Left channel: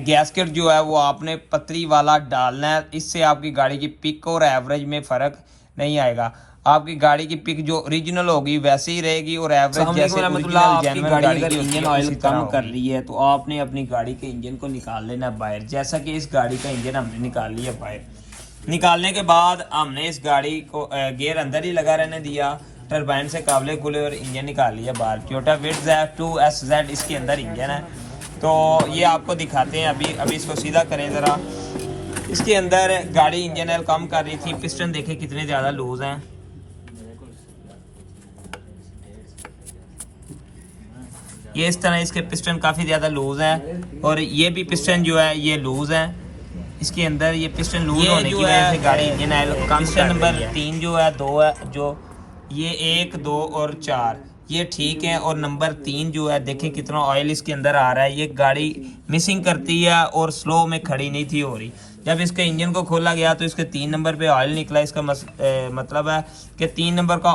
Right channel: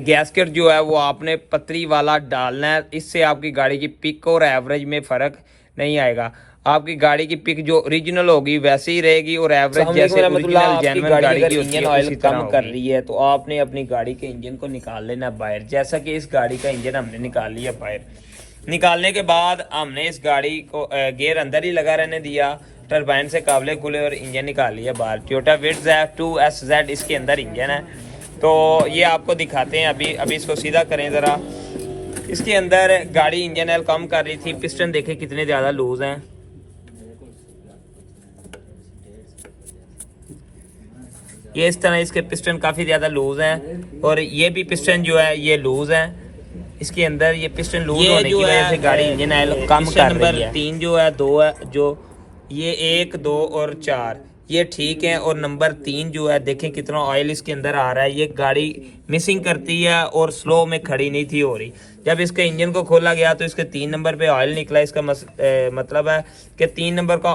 Gasket जो है वो आपने पतली वाला डालना है, इससे आपकी गाड़ी की पिक और एवरेज में फ़र्क नहीं आएगा। आपकी गाड़ी की पिक जो ओरिजिनल होगी वैसे ही रहेगी और एवरेज जैसे ओरिजिनल जेन्युइन गाड़ी की इंजन ऑयल कम कर रही है तो आपने अपनी गाड़ी के इंजन को निकाल लेना बाहर। जैसा कि इस गाड़ी का इंजन हमने निकाल लिया बाहर। निकालने के बाद हमने इस गाड़ी को गियर अंदर ही लगा रहने दिया, टरबाइन से काबले खुले और इंजन निकाल लिया बाहर। टोयोटा विट्ज़ 2SZ इसके अंदर इंजन है, तो ये आपको दिखाते हैं। अभी इसको सीधा करें ज़रा। इसके अंदर गाड़ी इंजन ऑयल कम कर रही थी। पिस्टन देखें कितने ज़्यादा लूज हैं। ये इस तरह इसके पिस्टन काफ़ी ज़्यादा लूज हैं और ये भी पिस्टन जो है ये लूज है। इसके अंदर ये पिस्टन लूज होने की वजह से गाड़ी इंजन ऑयल कम। पिस्टन नंबर 3 जो है 2 है, जो ये 1, 2 और 4 ये ठीक है, और नंबर 3 जो है देखें कितना ऑयल इसके अंदर आ रहा है। ये गाड़ी मिसिंग करती है और स्लो में खड़ी नहीं थी हो रही। जब इसके इंजन को खोला गया तो इसके 3 नंबर पे ऑयल निकला। इसका मतलब है कि 3 नंबर का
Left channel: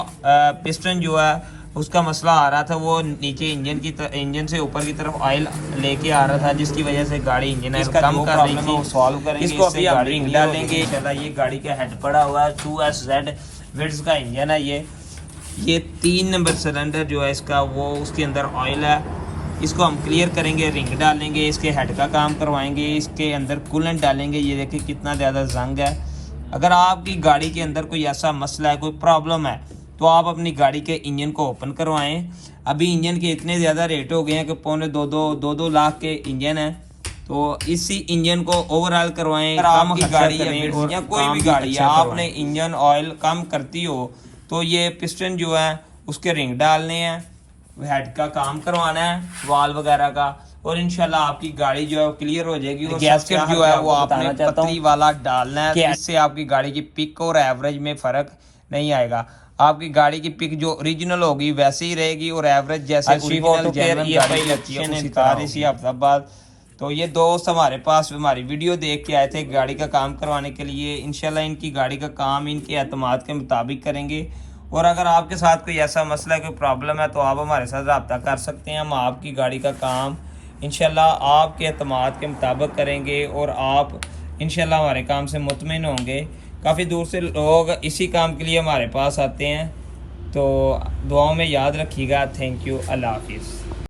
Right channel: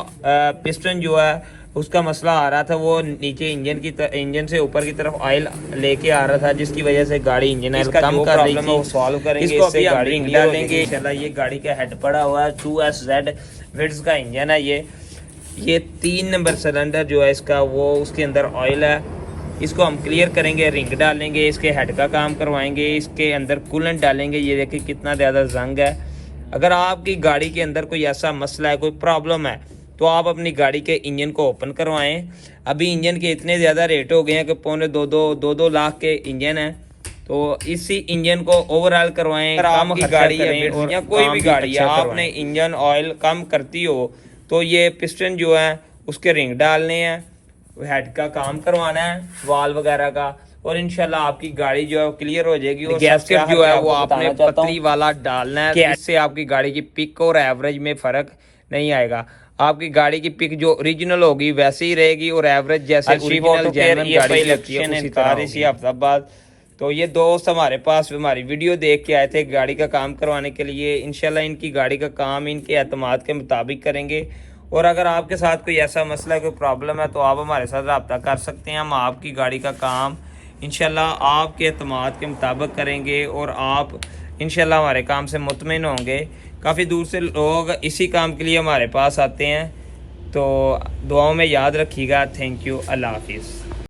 पिस्टन जो है उसका मसला आ रहा था, वो नीचे इंजन से ऊपर की तरफ ऑयल लेके आ रहा था, जिसकी वजह से गाड़ी इंजन ऑयल कम कर रही थी। सॉल्व करेंगे, इसको अभी हम रिंग डालेंगे। चला, ये गाड़ी का हेड पड़ा हुआ है, 2SZ विट्ज़ का इंजन है। ये 3 नंबर सिलेंडर जो है इसका वो उसके अंदर ऑयल है। इसको हम क्लियर करेंगे, रिंग डालेंगे, इसके हेड का काम करवाएंगे, इसके अंदर कूलेंट डालेंगे। ये देखिए कितना ज़्यादा जंग है। अगर आपकी गाड़ी के अंदर कोई ऐसा मसला है, कोई प्रॉब्लम है, तो आप अपनी गाड़ी के इंजन को ओपन करवाएं। अभी इंजन के इतने ज़्यादा रेट हो गए हैं कि पौने 2 लाख के इंजन है, तो इसी इंजन को ओवरऑल करवाएं। काम की गाड़ी है या कोई भी गाड़ी है, आपने इंजन ऑयल कम करती हो तो ये पिस्टन जो है उसके रिंग डालने हैं, हेड का काम करवाना है, वाल वगैरह का, और इंशाल्लाह आपकी गाड़ी जो है क्लियर हो जाएगी। और गैस्केट जो है वो आपने पतली वाला डालना है, इससे आपकी गाड़ी की पिक और एवरेज में फ़र्क नहीं आएगा। आपकी गाड़ी की पिक जो ओरिजिनल होगी वैसे ही रहेगी और एवरेज जैसे ओरिजिनल जेन्युइन गाड़ी की होती है उसी तरह इसी हफ्ता बाद। तो ये दोस्त हमारे पास हमारी वीडियो देख के आए थे गाड़ी का काम करवाने के लिए। इंशाल्लाह इनकी गाड़ी का काम इनके एतमाद के मुताबिक करेंगे। और अगर आपके साथ कोई ऐसा मसला है, कोई प्रॉब्लम है, तो आप हमारे साथ रब्ता कर सकते हैं। हम आपकी गाड़ी का काम इंशाल्लाह आपके एतमाद के मुताबिक करेंगे और आप इंशाल्लाह हमारे काम से मुतमिन होंगे। काफ़ी दूर से लोग इसी काम के लिए हमारे पास आते हैं, तो दुआओं में याद रखिएगा। Thank you. अल्लाह हाफिज़।